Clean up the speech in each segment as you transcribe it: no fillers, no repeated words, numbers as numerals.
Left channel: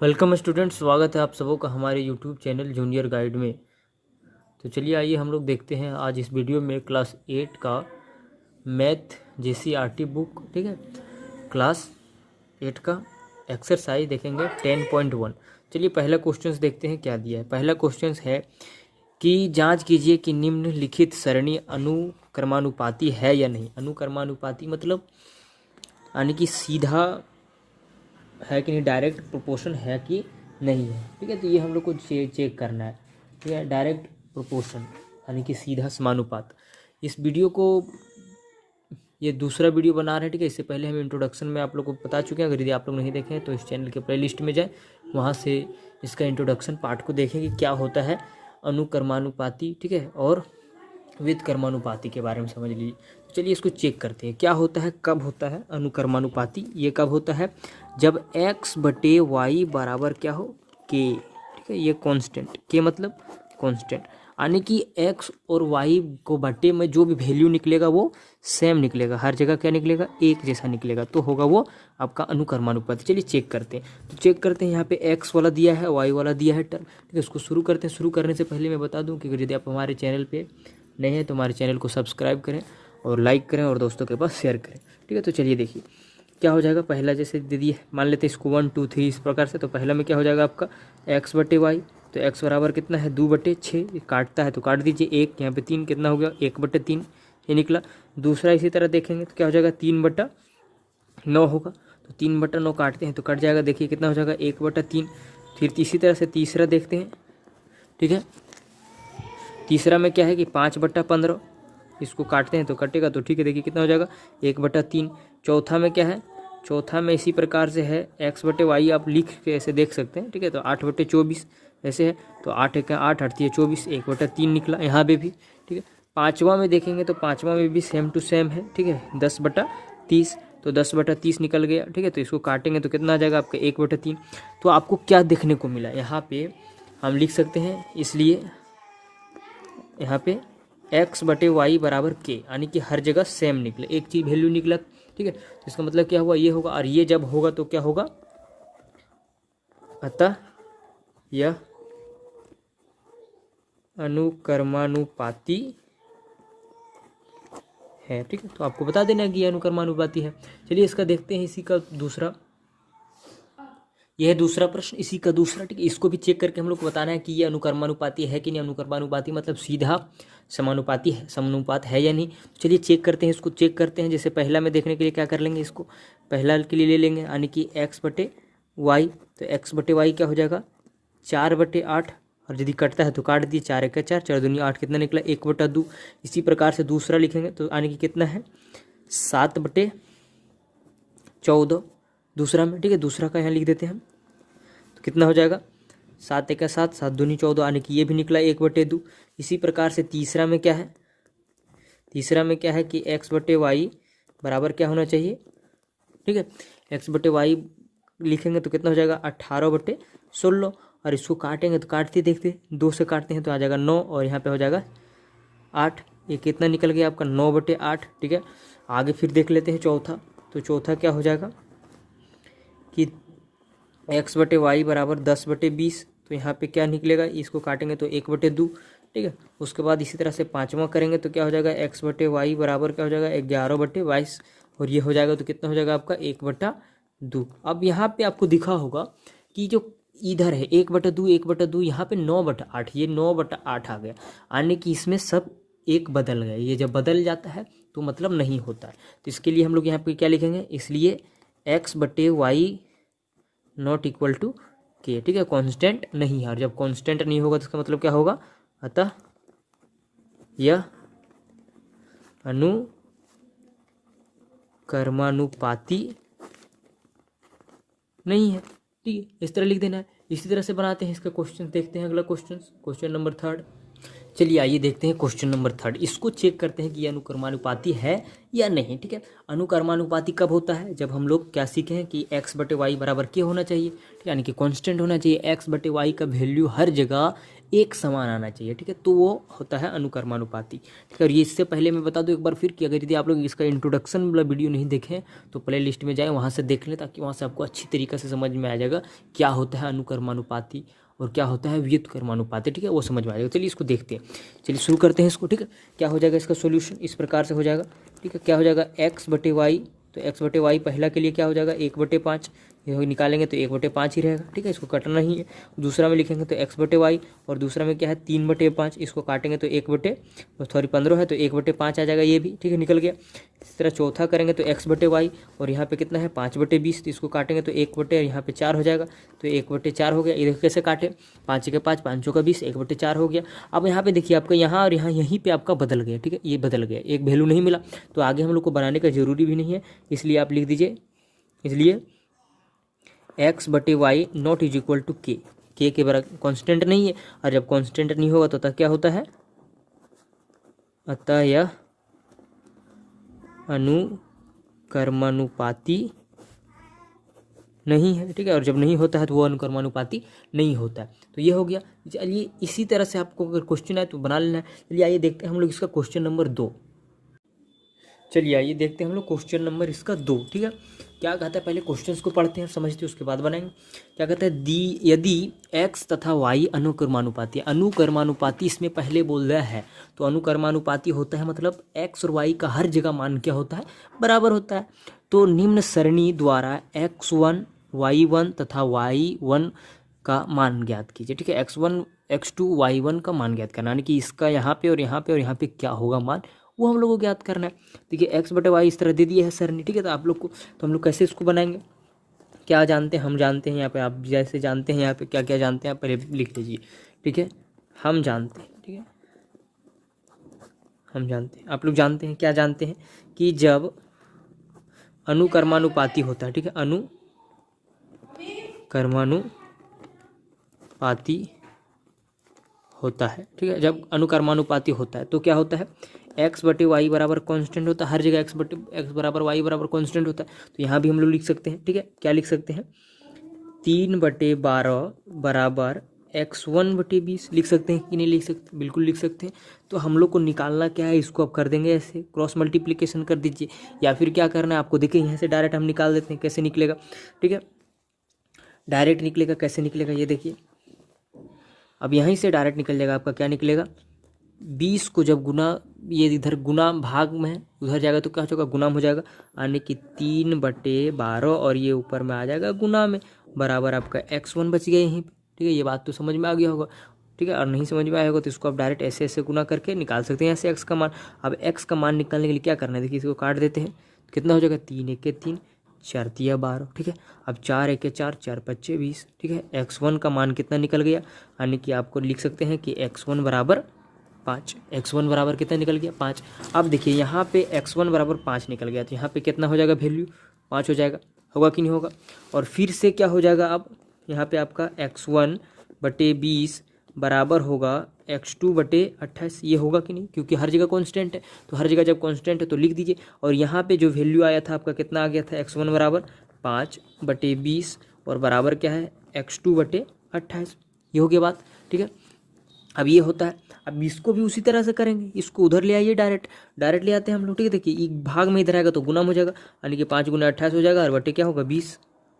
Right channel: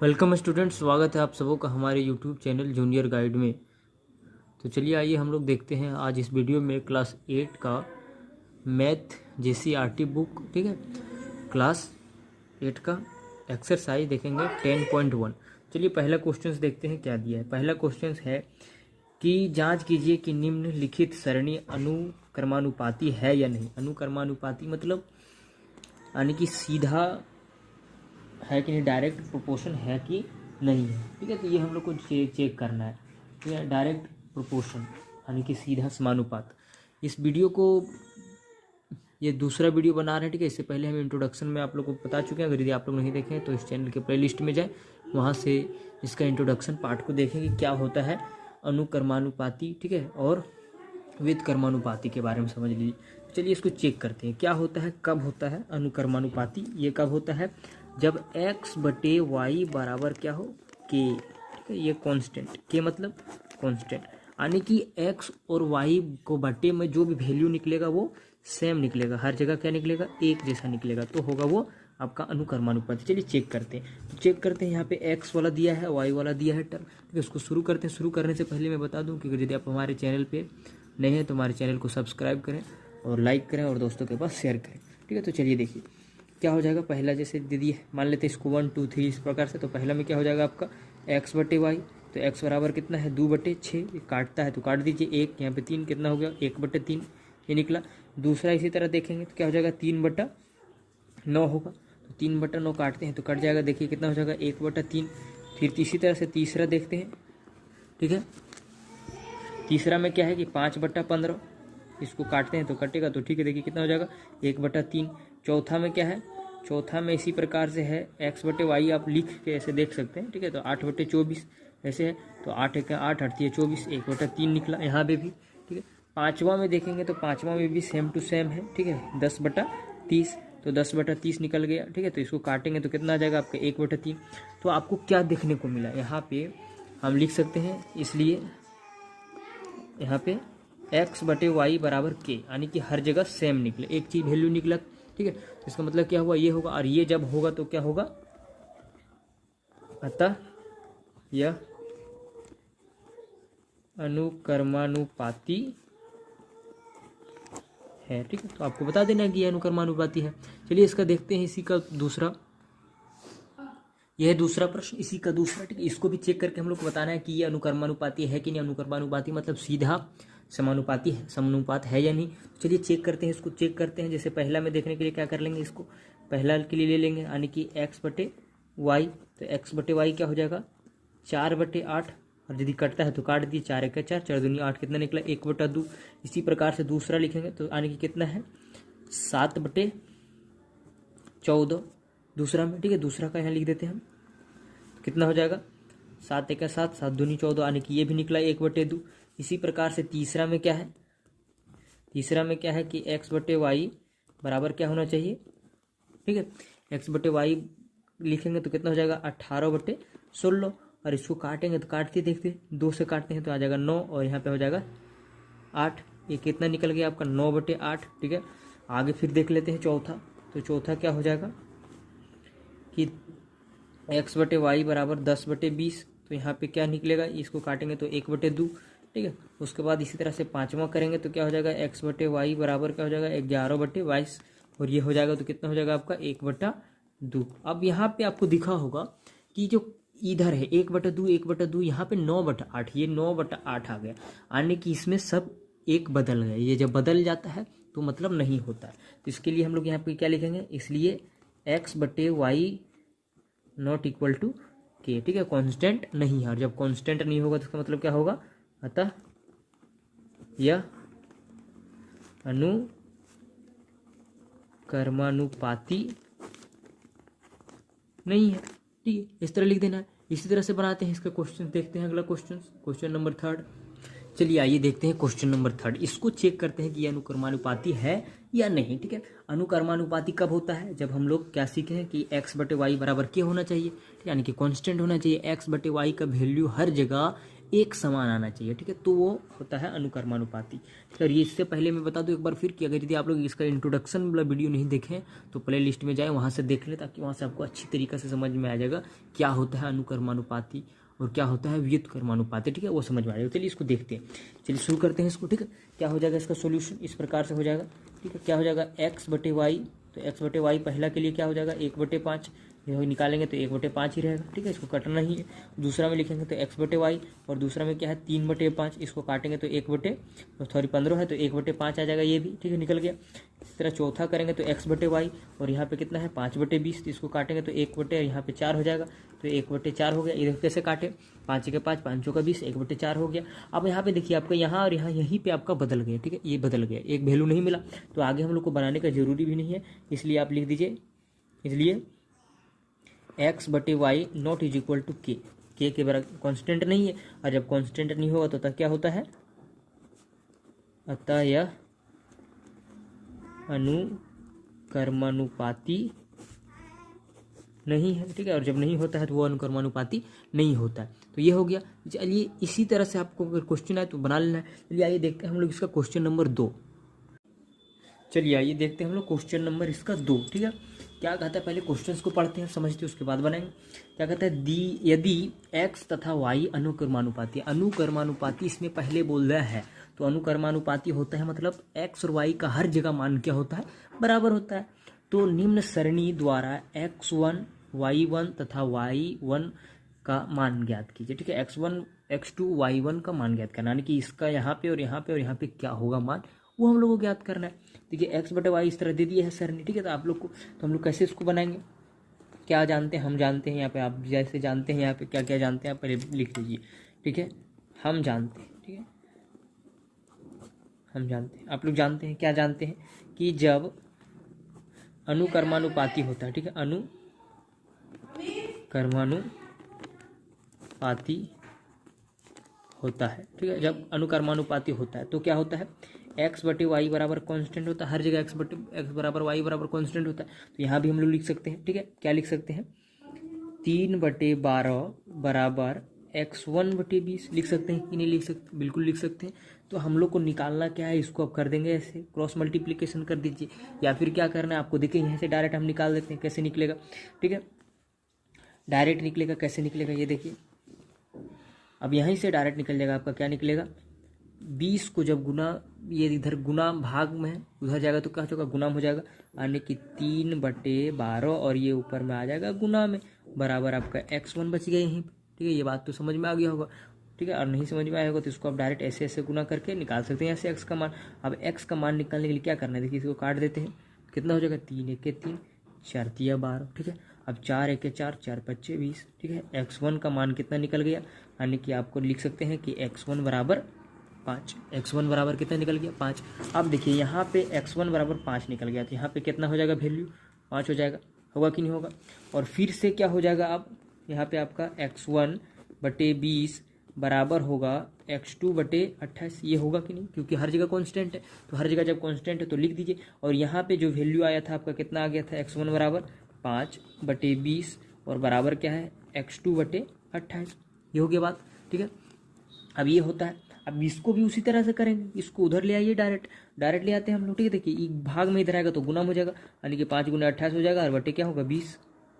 Welcome student, स्वागत है आप सबों का हमारे यूट्यूब चैनल जूनियर गाइड में। तो चलिए आइए हम लोग देखते हैं आज इस वीडियो में क्लास 8 का मैथ JCRT बुक, ठीक है, क्लास 8 का एक्सरसाइज देखेंगे 10.1। चलिए पहला क्वेश्चन देखते हैं क्या दिया है। पहला क्वेश्चन है कि जांच कीजिए कि निम्नलिखित सरणी अनुक्रमानुपाती है या नहीं। अनुक्रमानुपाती मतलब यानी कि सीधा है कि नहीं, डायरेक्ट प्रोपोर्शन है कि नहीं है, ठीक है। तो ये हम लोग को चेक करना है, ठीक है। डायरेक्ट प्रोपोर्शन यानी कि सीधा समानुपात। इस वीडियो को ये दूसरा वीडियो बना रहे हैं, ठीक है। इससे पहले हम इंट्रोडक्शन में आप लोग को बता चुके हैं। अगर यदि आप लोग नहीं देखें तो इस चैनल के प्लेलिस्ट में जाए, वहाँ से इसका इंट्रोडक्शन पार्ट को देखें कि क्या होता है अनुक्रमानुपाती, ठीक है, और व्युत्क्रमानुपाती के बारे में समझ लीजिए। तो चलिए इसको चेक करते हैं क्या होता है, कब होता है अनुक्रमानुपाती। ये कब होता है, जब x/y बराबर क्या हो, k, ठीक है। ये कांस्टेंट, k मतलब कांस्टेंट, यानी कि x और y को बटे में जो भी वैल्यू निकलेगा वो सेम निकलेगा, हर जगह क्या निकलेगा, एक जैसा निकलेगा, तो होगा वो आपका अनुक्रमानुपाती। चलिए चेक करते हैं। तो चेक करते हैं, यहाँ पे x वाला दिया है, y वाला दिया है टर्म, ठीक है। उसको शुरू करते हैं। शुरू करने से पहले मैं बता दूं कि यदि आप हमारे चैनल पे नए हैं तो हमारे चैनल को सब्सक्राइब करें और लाइक करें और दोस्तों के पास शेयर करें, ठीक है। तो चलिए देखिए क्या हो जाएगा। पहला जैसे दीदी मान लेते हैं इसको 1 2 3 इस प्रकार से। तो पहला में क्या हो जाएगा आपका x/y। तो x बराबर कितना है 2/6, काटता है तो काट दीजिए। एक यहाँ पे 3 कितना हो गया 1/3, ये निकला। दूसरा इसी तरह देखेंगे तो क्या हो जाएगा 3/9 होगा। तो 3/9 काटते हैं तो कट जाएगा, देखिए कितना हो जाएगा 1/3। फिर इसी तरह से तीसरा देखते हैं, ठीक है। तीसरा में क्या है कि 5/15, इसको काटते हैं तो कटेगा, तो ठीक है, देखिए कितना हो जाएगा 1/3। चौथा में क्या है, चौथा में इसी प्रकार से है x/y, आप लिख के ऐसे देख सकते हैं, ठीक है। तो 8/24 ऐसे है, तो 8 का 8 8 24, 1/3 निकला यहाँ पे भी, ठीक है। पाँचवा में देखेंगे तो पाँचवा में भी सेम टू सेम है, ठीक है, 10/30, तो 10/30 निकल गया, ठीक है। तो इसको काटेंगे तो कितना आ जाएगा आपका 1/3। तो आपको क्या देखने को मिला यहाँ पे, हम लिख सकते हैं, इसलिए यहाँ पे x/y बराबर k, यानी कि हर जगह सेम निकले, एक चीज वैल्यू निकला, ठीक है। तो इसका मतलब क्या हुआ, ये होगा, और ये जब होगा तो क्या होगा, अतः यह अनुक्रमानुपाती है, ठीक है। तो आपको बता देना है कि ये अनुक्रमानुपाती है। चलिए इसका देखते हैं, इसी का दूसरा, यह है दूसरा प्रश्न, इसी का दूसरा, ठीक है। इसको भी चेक करके हम लोग को बताना है कि ये अनुक्रमानुपाती है कि नहीं। अनुक्रमानुपाती मतलब सीधा समानुपाती है, समानुपात है या नहीं। तो चलिए चेक करते हैं, इसको चेक करते हैं। जैसे पहला में देखने के लिए क्या कर लेंगे, इसको पहला के लिए ले लेंगे, यानी कि x/y। तो x/y क्या हो जाएगा 4/8, और यदि कटता है तो काट दिए, 4 1 4, 4 दूनी 8, कितना निकला 1/2। इसी प्रकार से दूसरा लिखेंगे तो यानी कि कितना है 7/14 दूसरा में, ठीक है। दूसरा का यहाँ लिख देते हैं हम, तो कितना हो जाएगा 7 1 7, 7 दूनी 14, यानी कि ये भी निकला 1/2। इसी प्रकार से तीसरा में क्या है, तीसरा में क्या है कि x/y बराबर क्या होना चाहिए, ठीक है। x/y लिखेंगे तो कितना हो जाएगा 18/16, और इसको काटेंगे तो काटते देखते 2 से काटते हैं तो आ जाएगा 9, और यहाँ पे हो जाएगा 8। ये कितना निकल गया आपका 9/8, ठीक है। आगे फिर देख लेते हैं चौथा। तो चौथा क्या हो जाएगा कि x/y बराबर 10/20। तो यहाँ पे क्या निकलेगा, इसको काटेंगे तो 1/2, ठीक है। उसके बाद इसी तरह से पाँचवा करेंगे तो क्या हो जाएगा x/y बराबर क्या हो जाएगा 11/22, और ये हो जाएगा तो कितना हो जाएगा आपका 1/2। अब यहाँ पे आपको दिखा होगा कि जो इधर है 1/2 1/2, यहाँ पे 9/8, ये 9/8 आ गया, यानी कि इसमें सब एक बदल गया। ये जब बदल जाता है तो मतलब नहीं होता है। तो इसके लिए हम लोग यहाँ पे क्या लिखेंगे, इसलिए x/y not equal to k, ठीक है, कांस्टेंट नहीं है। और जब कांस्टेंट नहीं होगा तो इसका मतलब क्या होगा, अतः यह अनुक्रमानुपाती नहीं है, ठीक है। इस तरह लिख देना है। इसी तरह से बनाते हैं इसका क्वेश्चन, देखते हैं अगला क्वेश्चन, क्वेश्चन नंबर 3। चलिए आइए देखते हैं क्वेश्चन नंबर 3। इसको चेक करते हैं कि यह अनुक्रमानुपाती है या नहीं, ठीक है। अनुक्रमानुपाती कब होता है, जब हम लोग क्या सीखे हैं कि x/y बराबर k होना चाहिए, यानी कि कांस्टेंट होना चाहिए। x/y का वैल्यू हर जगह एक समान आना चाहिए, ठीक है, तो वो होता है अनुकर्मानुपाती, ठीक है। और ये इससे पहले मैं बता दूं एक बार फिर कि अगर यदि आप लोग इसका इंट्रोडक्शन वाला वीडियो नहीं देखें तो प्ले लिस्ट में जाएँ, वहाँ से देख लें, ताकि वहाँ से आपको अच्छी तरीके से समझ में आ जाएगा क्या होता है अनुकर्मानुपाती और क्या होता है व्युत्क्रमानुपाती, ठीक है, वो समझ में आ जाएगा। चलिए इसको देखते हैं, चलिए शुरू करते हैं इसको, ठीक है। क्या हो जाएगा इसका सोल्यूशन, इस प्रकार से हो जाएगा, ठीक है। क्या हो जाएगा x/y, तो x/y पहला के लिए क्या हो जाएगा 1/5, ये निकालेंगे तो 1/5 ही रहेगा, ठीक है, इसको काटना ही है। दूसरा में लिखेंगे तो x/y, और दूसरा में क्या है 3/5, इसको काटेंगे तो 15 है तो 1/5 आ जाएगा, ये भी ठीक है निकल गया। इस तरह चौथा करेंगे तो x/y, और यहाँ पे कितना है 5/20, तो इसको काटेंगे तो 1 यहाँ पे 4 हो जाएगा, तो 1/4 हो गया। ये देखो कैसे काटे, 5 के 5, 5 का 20, 1/4 हो गया। अब यहाँ पे देखिए आपका यहाँ और यहाँ यहीं पे आपका बदल गया, ठीक है, ये बदल गया, एक वैल्यू नहीं मिला, तो आगे हम लोग को बनाने का जरूरी भी नहीं है, इसलिए आप लिख दीजिए, इसलिए x/y not is equal to के के बराबर कॉन्स्टेंट नहीं है, और जब कॉन्स्टेंट नहीं होगा तो अतः क्या होता है, अतः यह अनुकर्मानुपाती नहीं है, ठीक है, और जब नहीं होता है तो वो अनुकर्मानुपाती नहीं होता है। तो ये हो गया। चलिए इसी तरह से आपको अगर क्वेश्चन है तो बना लेना है। चलिए आइए देखते हैं हम लोग इसका क्वेश्चन नंबर 2। चलिए आइए देखते हैं हम लोग क्वेश्चन नंबर इसका 2, ठीक है। क्या कहता है, पहले क्वेश्चंस को पढ़ते हैं, समझते हैं, उसके बाद बनाएंगे। क्या कहता है, यदि x तथा y अनुकर्मानुपाती, अनुकर्मानुपाती इसमें पहले बोल रहा है, तो अनुकर्मानुपाती होता है मतलब x और y का हर जगह मान क्या होता है, बराबर होता है। तो निम्न सरणी द्वारा x1 y1 तथा y1 का मान ज्ञात कीजिए, ठीक है, x1 x2 y1 का मान ज्ञात करना, यानी कि इसका यहाँ पे और यहाँ पे और यहाँ पे क्या होगा मान, वो हम लोग को ज्ञात करना है। देखिए x/y इस तरह दे दिया है सर ने, ठीक है, तो आप लोग को, तो हम लोग कैसे इसको बनाएंगे, क्या जानते हैं, हम जानते हैं यहाँ पे, आप जैसे जानते हैं यहाँ पे क्या क्या जानते हैं आप पहले लिख लीजिए, ठीक है। हम जानते हैं, ठीक है, हम जानते हैं, आप लोग जानते हैं, क्या जानते हैं कि जब अनुकर्मानुपाती होता है, ठीक है, अनुकर्मानुपाती होता है, ठीक है, जब अनुकर्मानुपाती होता है तो क्या होता है, x/y बराबर कांस्टेंट होता है, हर जगह x बराबर y बराबर कांस्टेंट होता है। तो यहाँ भी हम लोग लिख सकते हैं, ठीक है, क्या लिख सकते हैं, 3/12 बराबर x1/20 लिख सकते हैं कि नहीं लिख सकते, बिल्कुल लिख सकते हैं। तो हम लोग को निकालना क्या है, इसको आप कर देंगे ऐसे, क्रॉस मल्टीप्लीकेशन कर दीजिए, या फिर क्या करना है आपको, देखिए यहाँ से डायरेक्ट हम निकाल देते हैं, कैसे निकलेगा, ठीक है, डायरेक्ट निकलेगा, कैसे निकलेगा ये देखिए, अब यहीं से डायरेक्ट निकल जाएगा आपका, क्या निकलेगा, 20 को जब गुना, ये इधर गुना भाग में है, उधर जाएगा तो क्या हो जाएगा, गुना हो जाएगा, यानी कि 3/12, और ये ऊपर में आ जाएगा गुना में, बराबर आपका x1 बच गया यहीं पे, ठीक है। ये बात तो समझ में आ गया होगा, ठीक है, और नहीं समझ में आया होगा तो इसको आप डायरेक्ट ऐसे ऐसे गुना करके निकाल सकते हैं ऐसे x का मान। अब x का मान निकालने के लिए क्या करना है, देखिए इसको काट देते हैं, कितना हो जाएगा, 3 × 1 = 3, 4 × 3 = 12, ठीक है। अब 4 × 1 = 4, 4 × 5 = 20, ठीक है। x1 का मान कितना निकल गया, यानी कि आपको लिख सकते हैं कि x1 बराबर 5, x1 बराबर कितना निकल गया, 5। अब देखिए यहाँ पे x1 बराबर 5 निकल गया, तो यहाँ पे कितना हो जाएगा, वैल्यू 5 हो जाएगा, होगा कि नहीं होगा। और फिर से क्या हो जाएगा, अब यहाँ पे आपका x1/20 बराबर होगा x2/28, ये होगा कि नहीं, क्योंकि हर जगह कांस्टेंट है, तो हर जगह जब कांस्टेंट है तो लिख दीजिए। और यहाँ पे जो वैल्यू आया था आपका कितना आ गया था, x1 बराबर 5/20 और बराबर क्या है, x2/28, ये हो गया बात, ठीक है। अब ये होता है, अब इसको भी उसी तरह से करेंगे, इसको उधर ले आइए, डायरेक्ट ले आते हैं हम लोग, ठीक है। देखिए एक भाग में इधर आएगा तो गुना हो जाएगा, यानी कि 5 × 28 हो जाएगा, और बटे क्या होगा, 20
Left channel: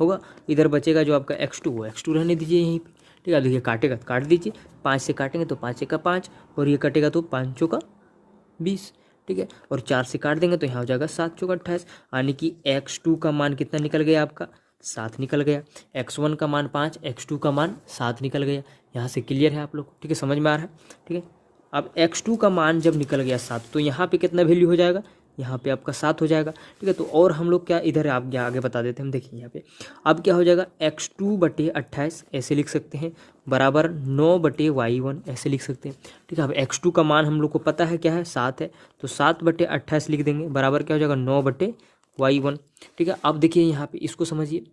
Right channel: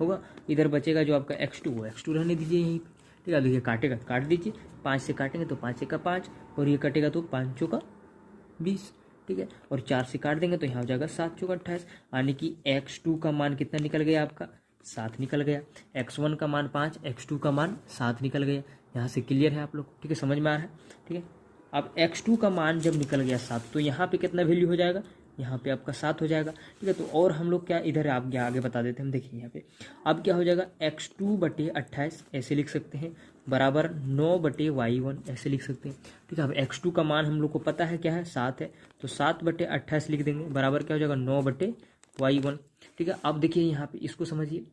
होगा। इधर बचेगा जो आपका x2, वो x2 रहने दीजिए यहीं पे, ठीक है। देखिए काटेगा तो काट दीजिए, 5 से काटेंगे तो 5 × 1 = 5, और ये कटेगा तो 5 × 4 = 20, ठीक है। और 4 से काट देंगे तो यहाँ हो जाएगा 7 × 4 = 28, यानी कि x2 का मान कितना निकल गया आपका, 7 निकल गया। x1 का मान 5, x2 का मान 7 निकल गया। यहाँ से क्लियर है आप लोग, ठीक है, समझ में आ रहा है, ठीक है। अब x2 का मान जब निकल गया 7, तो यहाँ पे कितना वैल्यू हो जाएगा, यहाँ पे आपका 7 हो जाएगा, ठीक है। तो और हम लोग क्या इधर आप आगे बता देते हैं, हम देखिए यहाँ पे अब क्या हो जाएगा, x2/28 ऐसे लिख सकते हैं, बराबर 9/y1 ऐसे लिख सकते हैं, ठीक है। अब x2 का मान हम लोग को पता है क्या है, 7 है, तो 7/28 लिख देंगे, बराबर क्या हो जाएगा, 9/y1, ठीक है। अब देखिए यहाँ पे इसको समझिए,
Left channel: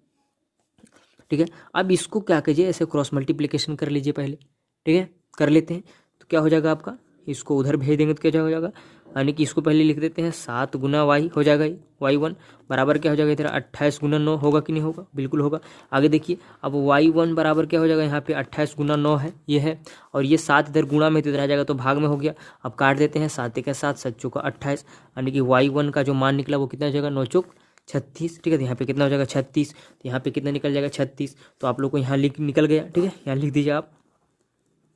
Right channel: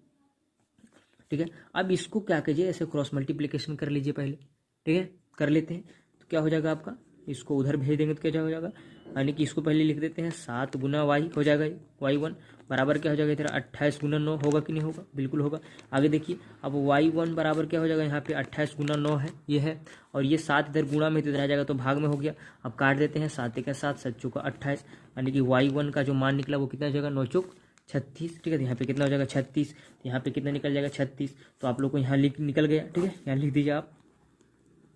ठीक है। अब इसको क्या कीजिए, ऐसे क्रॉस मल्टीप्लिकेशन कर लीजिए पहले, ठीक है, कर लेते हैं। तो क्या हो जाएगा आपका, इसको उधर भेज देंगे तो क्या हो जाएगा, यानी कि इसको पहले लिख देते हैं 7 गुना वाई हो जाएगा, y1 बराबर क्या हो जाएगा तेरा 28 गुना 9 होगा कि नहीं होगा, बिल्कुल होगा। आगे देखिए अब y1 बराबर क्या हो जाएगा, यहाँ पे 28 गुना 9 है ये है, और ये 7 इधर गुणा में तो इधर आ जाएगा तो भाग में हो गया। अब काट देते हैं, 7 के 7 7 चौका 28, यानी कि y1 का जो मान निकला वो कितना हो जाएगा 9 चौक 36, ठीक है। तो यहाँ पे कितना हो जाएगा 36, तो यहाँ पे कितना निकल जाएगा 36, तो आप लोग को यहाँ निकल गया, ठीक है। यहाँ लिख दीजिए आप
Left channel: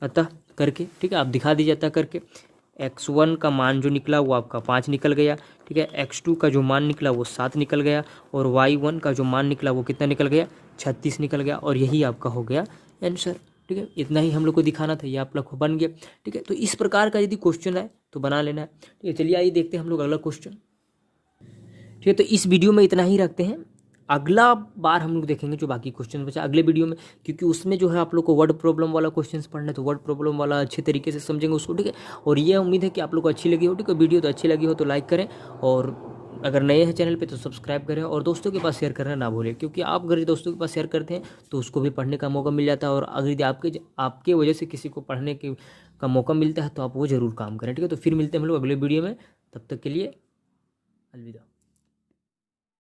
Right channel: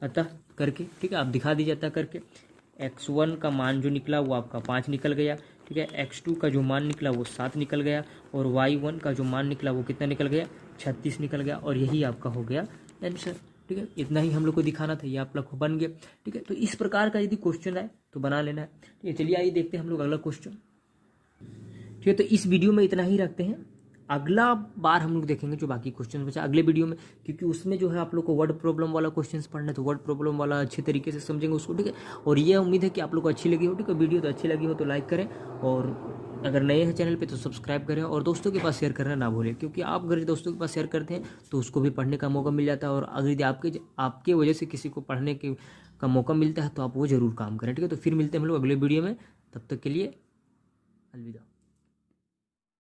अतः करके, ठीक है, आप दिखा दीजिए अतः करके। x1 का मान जो निकला वो आपका 5 निकल गया, ठीक है। x2 का जो मान निकला वो 7 निकल गया, और y1 का जो मान निकला वो कितना निकल गया 36 निकल गया, और यही आपका हो गया आंसर, ठीक है। इतना ही हम लोग को दिखाना था, ये आप लोग को बन गया, ठीक है। तो इस प्रकार का यदि क्वेश्चन है तो बना लेना है, ठीक है। चलिए आइए देखते हैं हम लोग अगला क्वेश्चन, ठीक है। तो इस वीडियो में इतना ही रखते हैं, अगला बार हम लोग देखेंगे जो बाकी क्वेश्चन बचा अगले वीडियो में, क्योंकि उसमें जो है आप लोग को वर्ड प्रॉब्लम वाला क्वेश्चंस पढ़ना है, तो वर्ड प्रॉब्लम वाला अच्छे तरीके से समझेंगे उसको, ठीक है। और ये उम्मीद है कि आप लोग को अच्छी लगी हो, ठीक है। वीडियो तो अच्छी लगी हो तो लाइक करें, और अगर नए हैं चैनल पे तो सब्सक्राइब करें, और दोस्तों के पास शेयर करना ना भूलें, क्योंकि आप अगर दोस्तों के पास शेयर करते हैं तो उसको भी पढ़ने का मौका मिल जाता है, और अगर आपके वजह से किसी को पढ़ने का मौका मिलता है तो आप वो ज़रूर काम करें, ठीक है। तो फिर मिलते हैं हम लोग अगले वीडियो में, तब तक के लिए अलविदा।